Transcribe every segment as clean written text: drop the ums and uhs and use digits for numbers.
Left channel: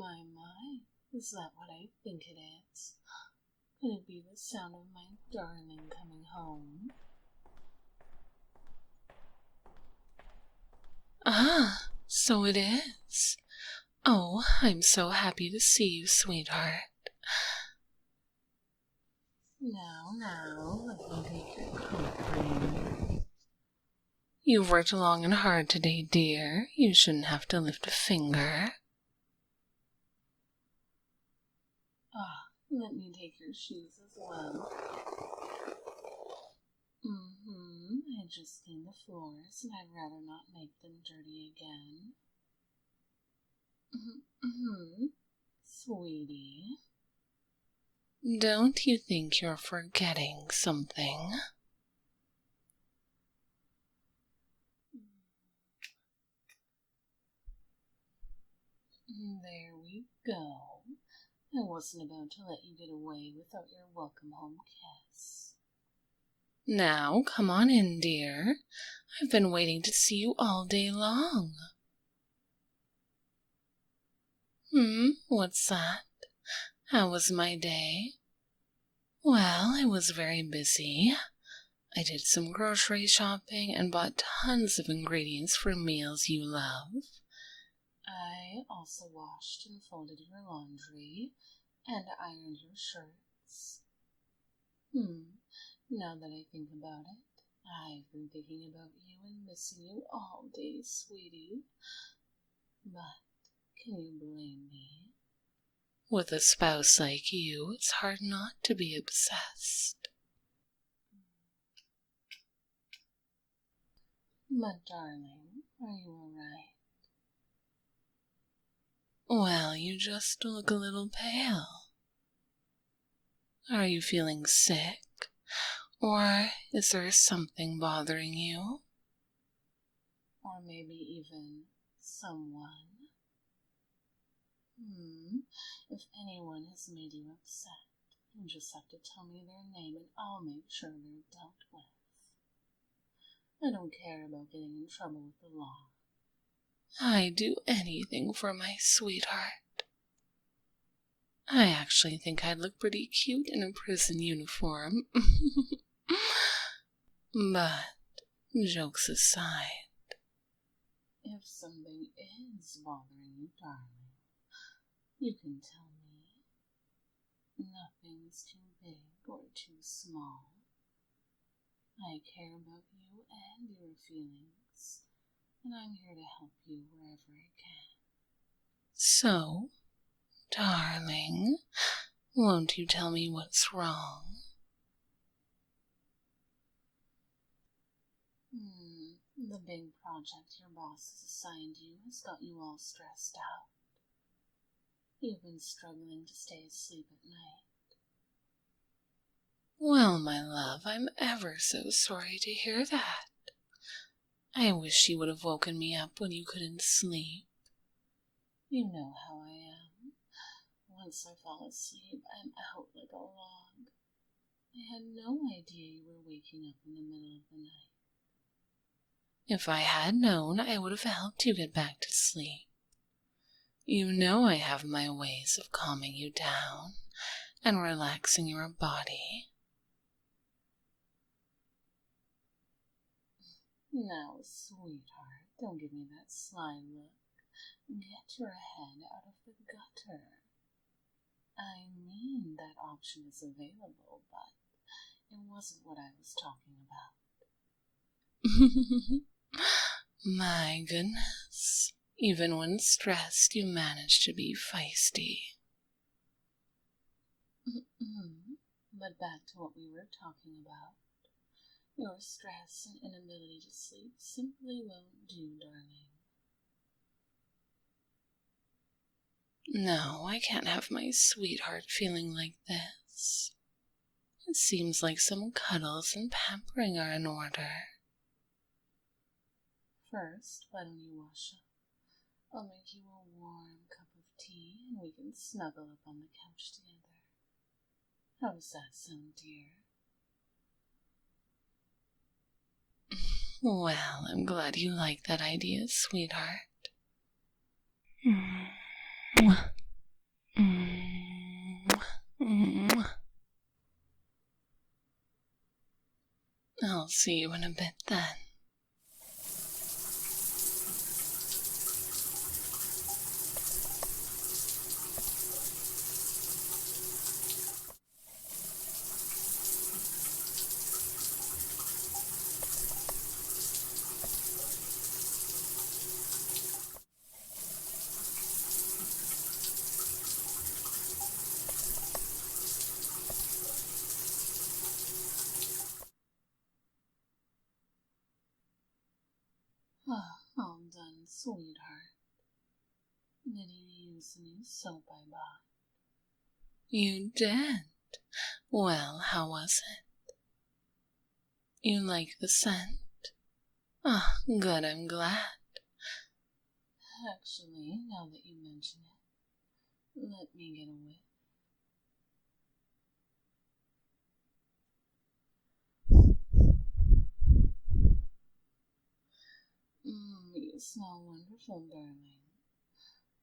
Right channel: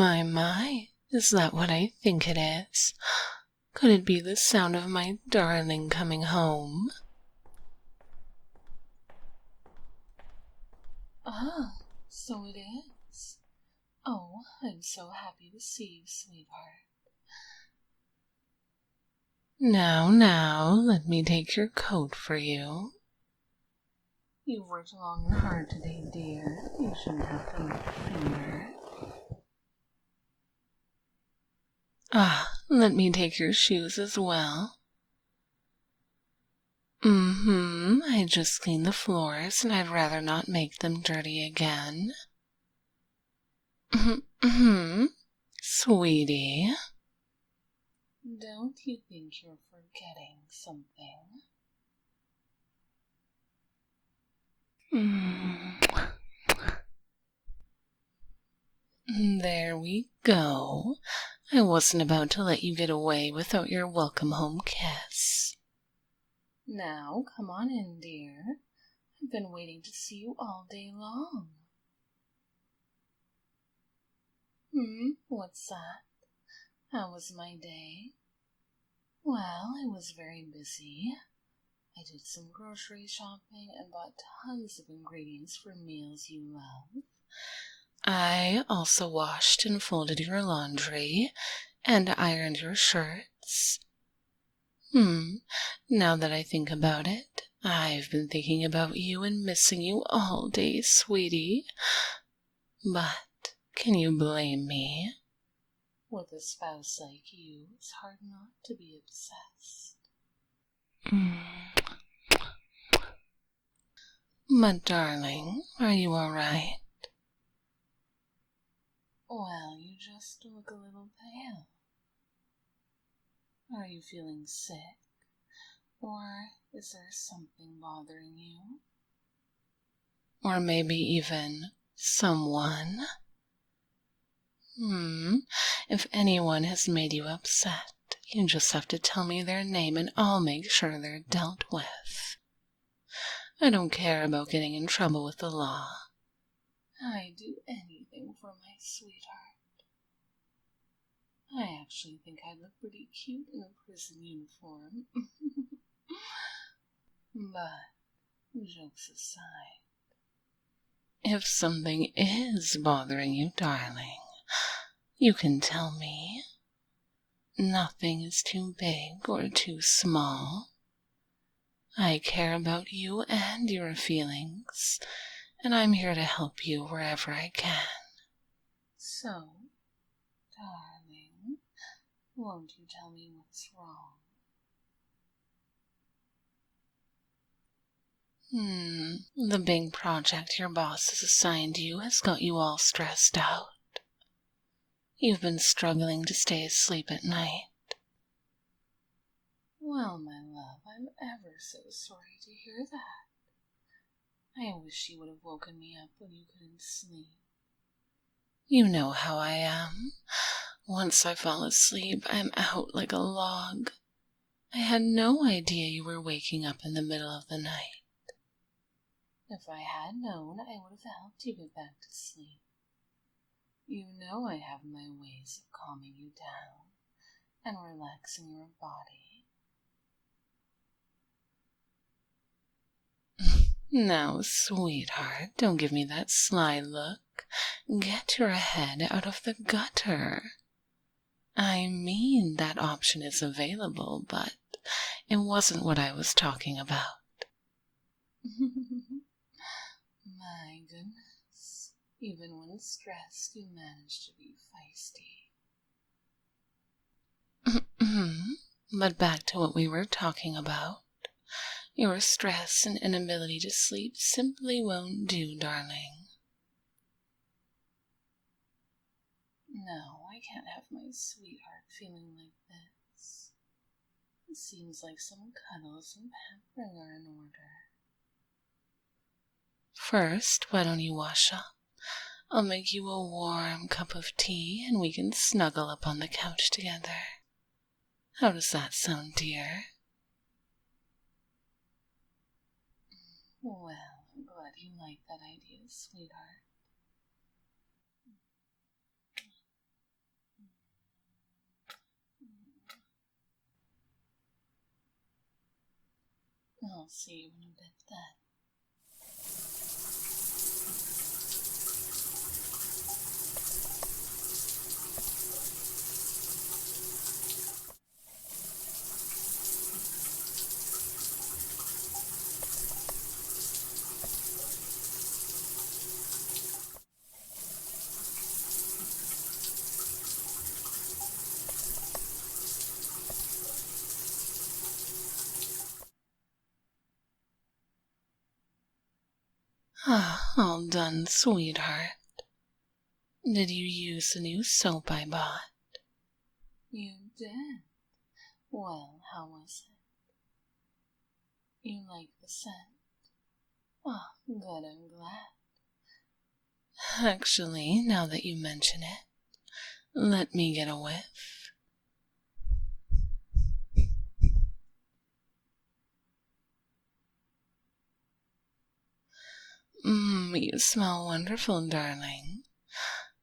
My, is that what I think it is? Could it be the sound of my darling coming home? Ah, so it is. Oh, I'm so happy to see you, sweetheart. Now, let me take your coat for you. You've worked long and hard today, dear. You shouldn't have to lift a finger. Ah, let me take your shoes as well. I just cleaned the floors, and I'd rather not make them dirty again. Sweetie, don't you think you're forgetting something? There we go. I wasn't about to let you get away without your welcome home kiss. Now, come on in, dear. I've been waiting to see you all day long. What's that? How was my day? Well, I was very busy. I did some grocery shopping and bought tons of ingredients for meals you love. I also washed and folded your laundry and ironed your shirts. Now that I think about it, I've been thinking about you and missing you all day, sweetie. But can you blame me? With a spouse like you, it's hard not to be obsessed. But darling, are you all right? Well, you just look a little pale. Are you feeling sick? Or is there something bothering you? Or maybe even someone? If anyone has made you upset, you just have to tell me their name and I'll make sure they're dealt with. I don't care about getting in trouble with the law. I'd do anything for my sweetheart. I actually think I'd look pretty cute in a prison uniform. But, jokes aside, if something is bothering you, darling, you can tell me. Nothing is too big or too small. I care about you and your feelings, and I'm here to help you wherever I can. So, darling, won't you tell me what's wrong? The big project your boss has assigned you has got you all stressed out. You've been struggling to stay asleep at night. Well, my love, I'm ever so sorry to hear that. I wish you would have woken me up when you couldn't sleep. You know how I am. Once I fall asleep, I'm out like a log. I had no idea you were waking up in the middle of the night. If I had known, I would have helped you get back to sleep. You know I have my ways of calming you down and relaxing your body. Now, sweetheart, don't give me that sly look. Get your head out of the gutter. I mean, that option is available, but it wasn't what I was talking about. My goodness, even when stressed, you manage to be feisty. But back to what we were talking about. Your stress and inability to sleep simply won't do, darling. No, I can't have my sweetheart feeling like this. It seems like some cuddles and pampering are in order. First, why don't you wash up? I'll make you a warm cup of tea and we can snuggle up on the couch together. How does that sound, dear? Well, I'm glad you like that idea, sweetheart. I'll see you in a bit then. All done, sweetheart. Did you use the new soap I bought? You did? Well, how was it? You like the scent? Good, I'm glad. Actually, now that you mention it, let me get a whiff. You smell wonderful, darling.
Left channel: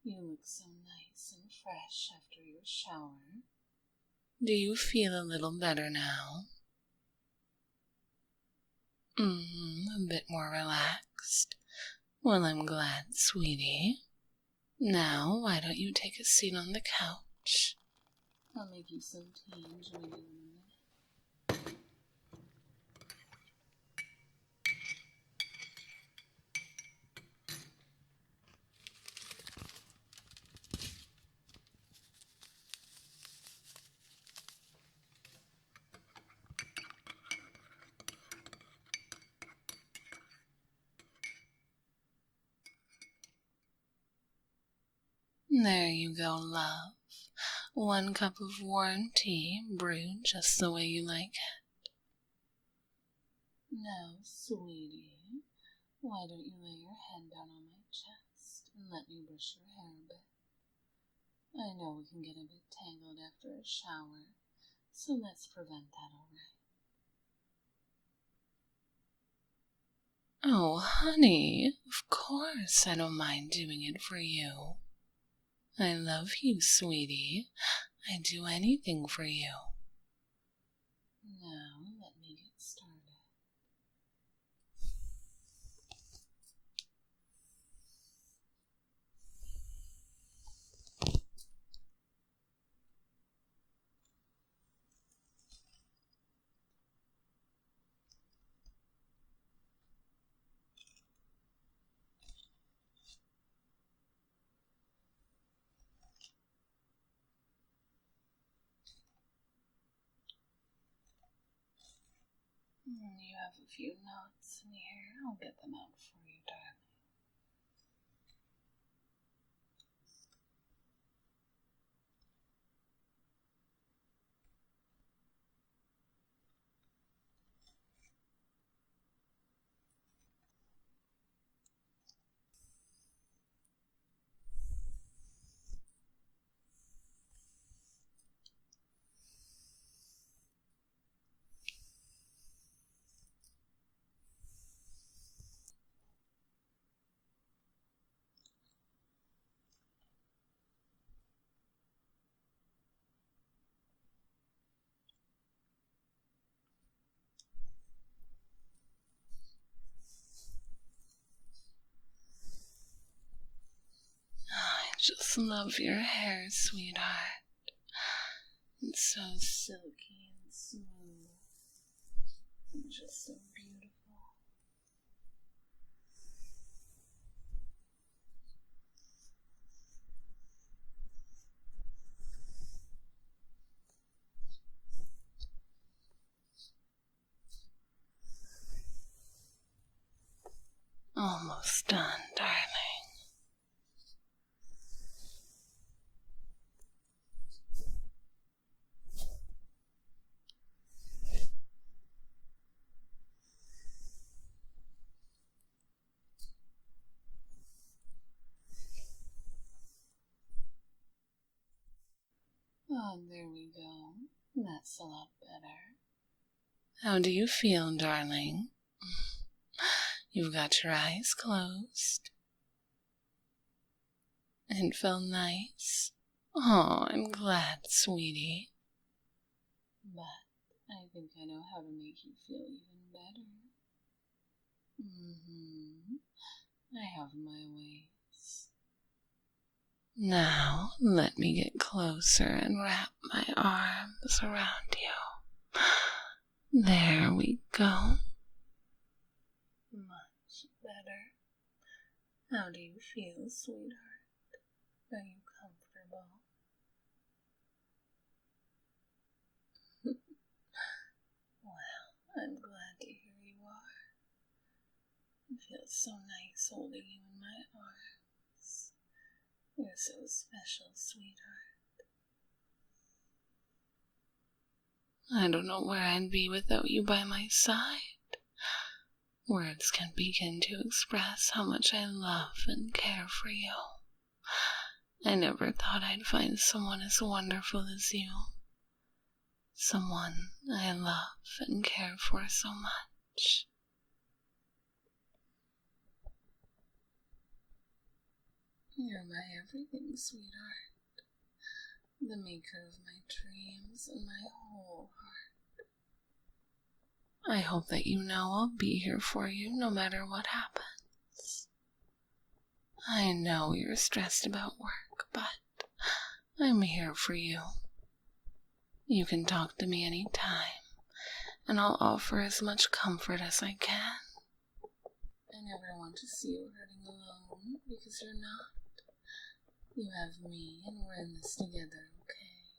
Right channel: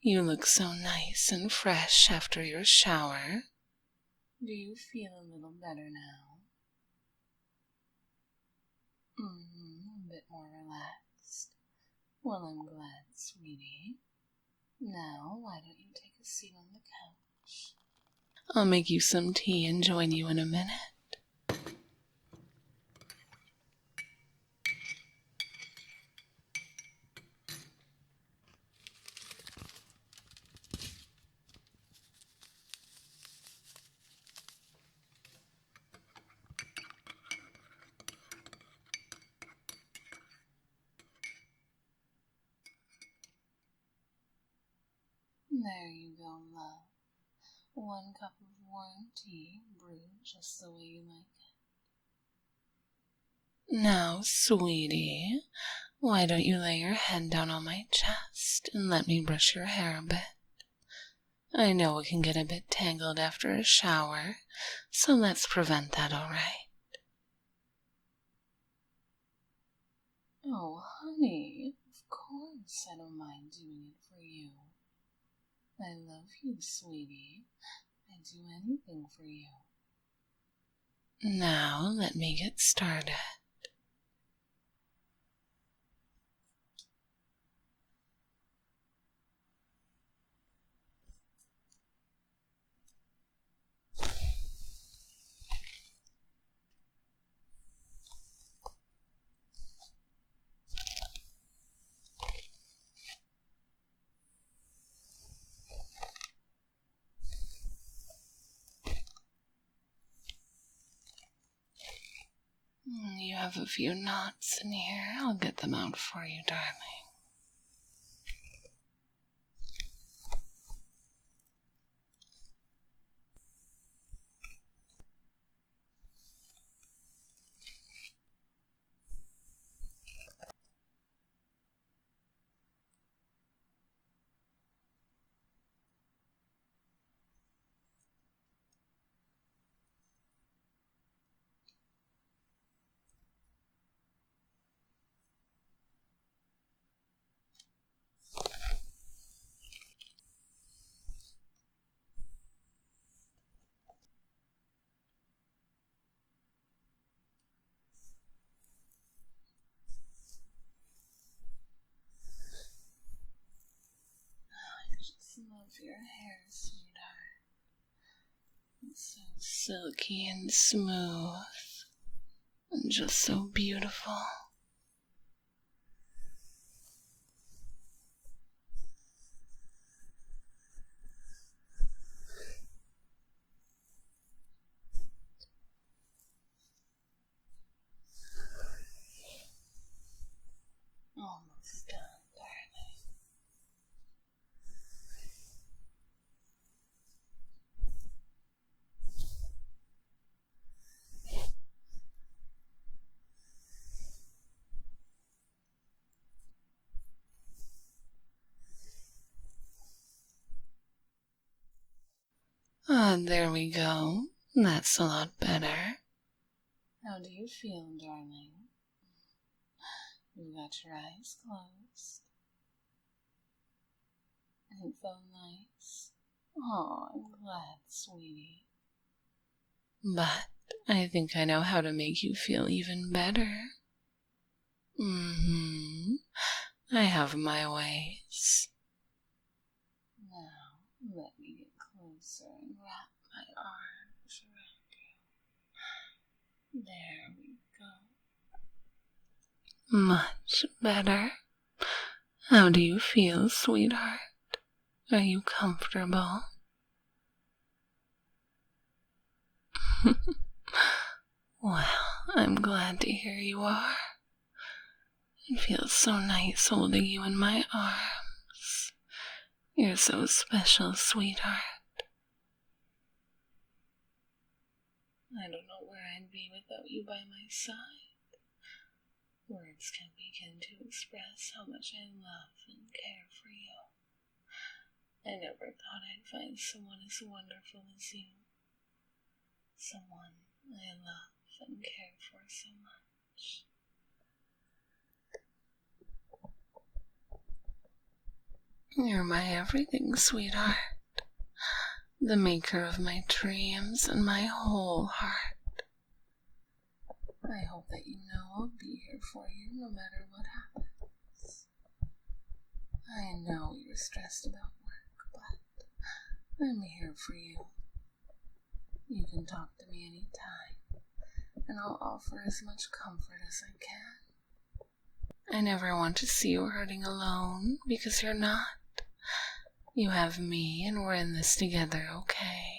You look so nice and fresh after your shower. Do you feel a little better now? A bit more relaxed. Well, I'm glad, sweetie. Now, why don't you take a seat on the couch? I'll make you some tea and join you in a minute. There you go, love. 1 cup of warm tea, brewed just the way you like it. Now, sweetie, why don't you lay your head down on my chest and let me brush your hair a bit? I know it can get a bit tangled after a shower, so let's prevent that, all right? Oh, honey, of course I don't mind doing it for you. I love you, sweetie. I'd do anything for you. Now, let me get started. You have a few knots in here. I'll get them out for you, darling. I just love your hair, sweetheart. It's so silky and smooth, and just so beautiful. Almost done, darling. There we go. That's a lot better. How do you feel, darling? You've got your eyes closed. It felt nice. Oh, I'm glad, sweetie. But I think I know how to make you feel even better. I have my ways. Now, let me get closer and wrap my arms around you. There we go. Much better. How do you feel, sweetheart? Are you comfortable? Well, I'm glad to hear you are. It feels so nice holding you in my arms. You're so special, sweetheart. I don't know where I'd be without you by my side. Words can't begin to express how much I love and care for you. I never thought I'd find someone as wonderful as you. Someone I love and care for so much. You're my everything, sweetheart. The maker of my dreams and my whole heart. I hope that you know I'll be here for you no matter what happens. I know you're stressed about work, but I'm here for you. You can talk to me anytime, and I'll offer as much comfort as I can. I never want to see you hurting alone, because you're not. You have me, and we're in this together, okay?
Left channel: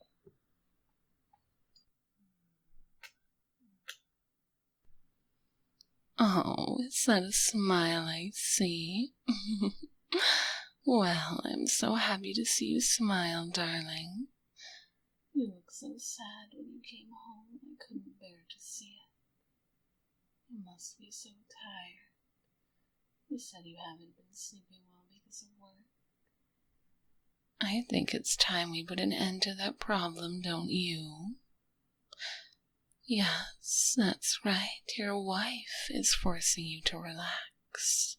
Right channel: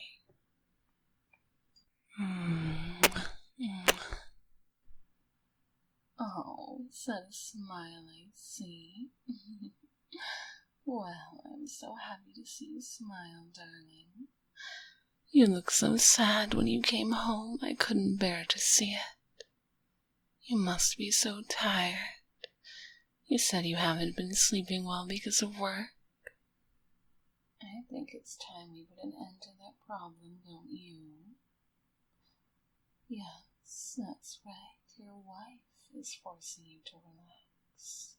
Oh, is that a smile I see? Well, I'm so happy to see you smile, darling. You looked so sad when you came home, I couldn't bear to see it. You must be so tired. You said you haven't been sleeping well because of work. I think it's time we put an end to that problem, don't you? Yes, that's right. Your wife is forcing you to relax.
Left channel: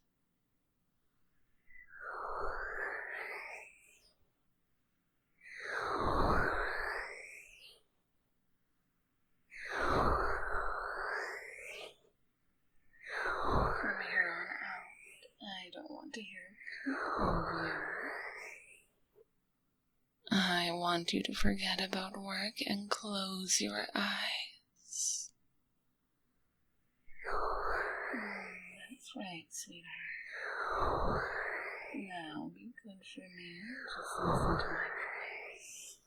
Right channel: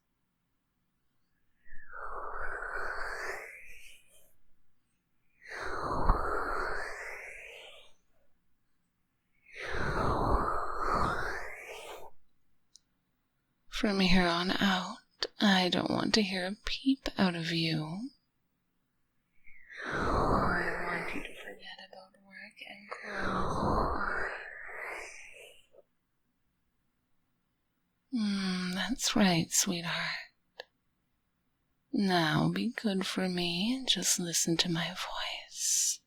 From here on out, I don't want to hear a peep out of you. I want you to forget about work and close your eyes. That's right, sweetheart. Now be good for me and just listen to my voice.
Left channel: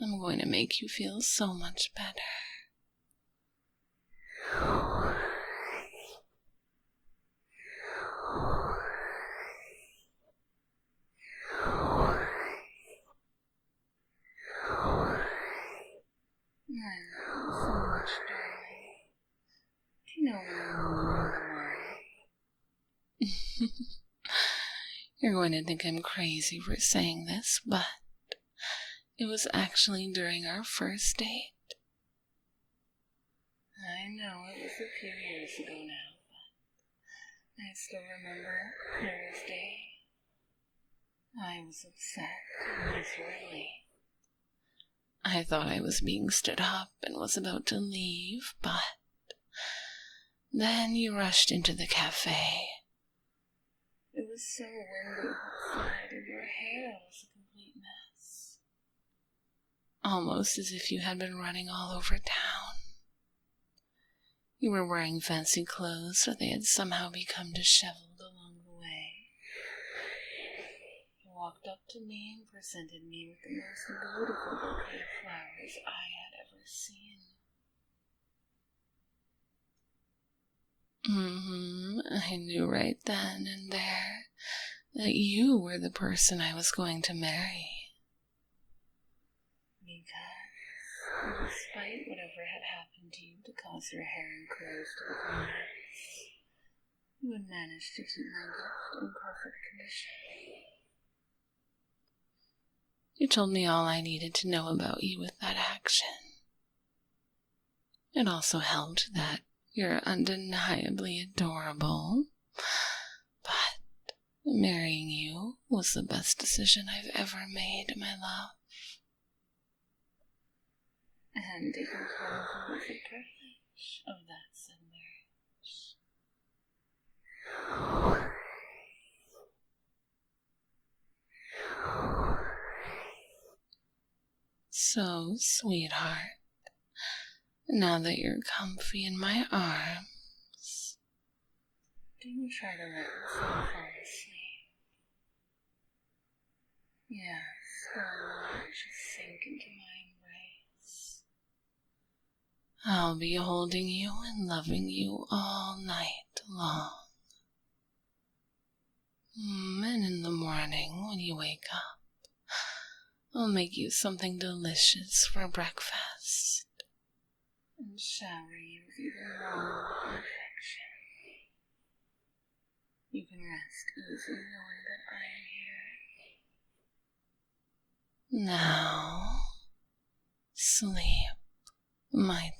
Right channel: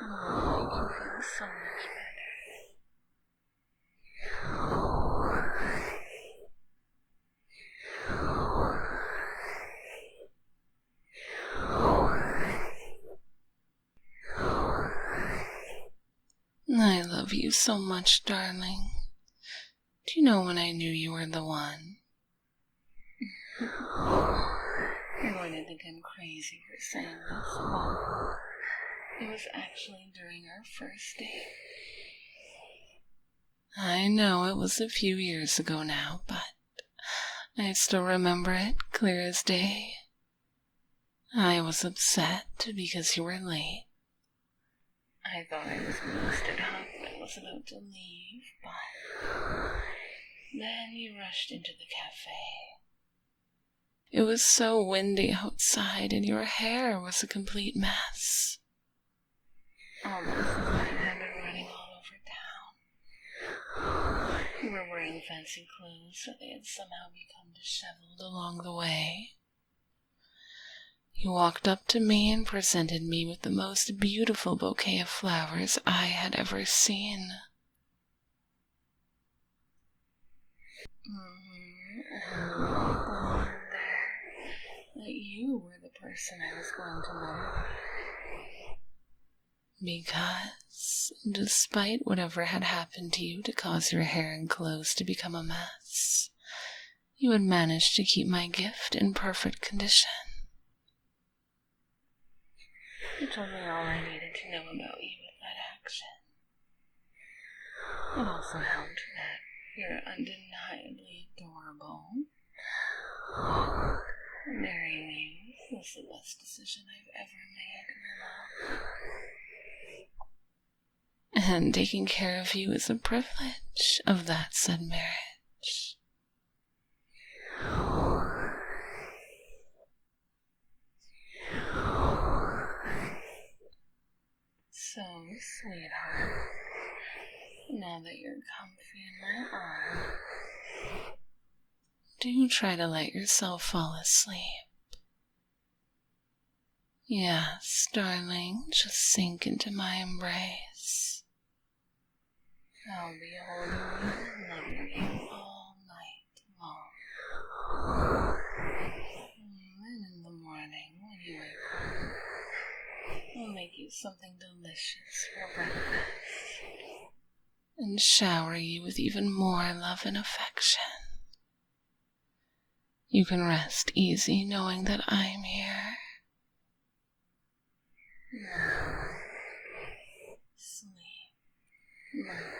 I'm going to make you feel so much better. I love you so much, darling. Do you know when I knew you were the one? You're going to think I'm crazy for saying this, but it was actually during our first date. I know it was a few years ago now, but I still remember it clear as day. I was upset because you were late. I thought I was being stood up and was about to leave, but then you rushed into the cafe. It was so windy outside and your hair was a complete mess. Almost as if you had been running all over town. You were wearing fancy clothes, but they had somehow become disheveled along the way. You walked up to me and presented me with the most beautiful bouquet of flowers I had ever seen. I knew right then and there that you were the person I was going to marry. Because, despite whatever had happened to you to cause your hair and clothes to become a mess, you had managed to keep my gift in perfect condition. You told me all I needed to know about you with that action. It also helped that you're undeniably adorable, but marrying you was the best decision I've ever made, my love. and taking care of you is a privilege of that said marriage. So, sweetheart, now that you're comfy in my arms, do try to let yourself fall asleep. Yes, darling, just sink into my embrace. I'll be holding you and loving you all night long. And in the morning, when you wake up, I'll make you something delicious for breakfast and shower you with even more love and affection. You can rest easy knowing that I'm here. Now, sleep, my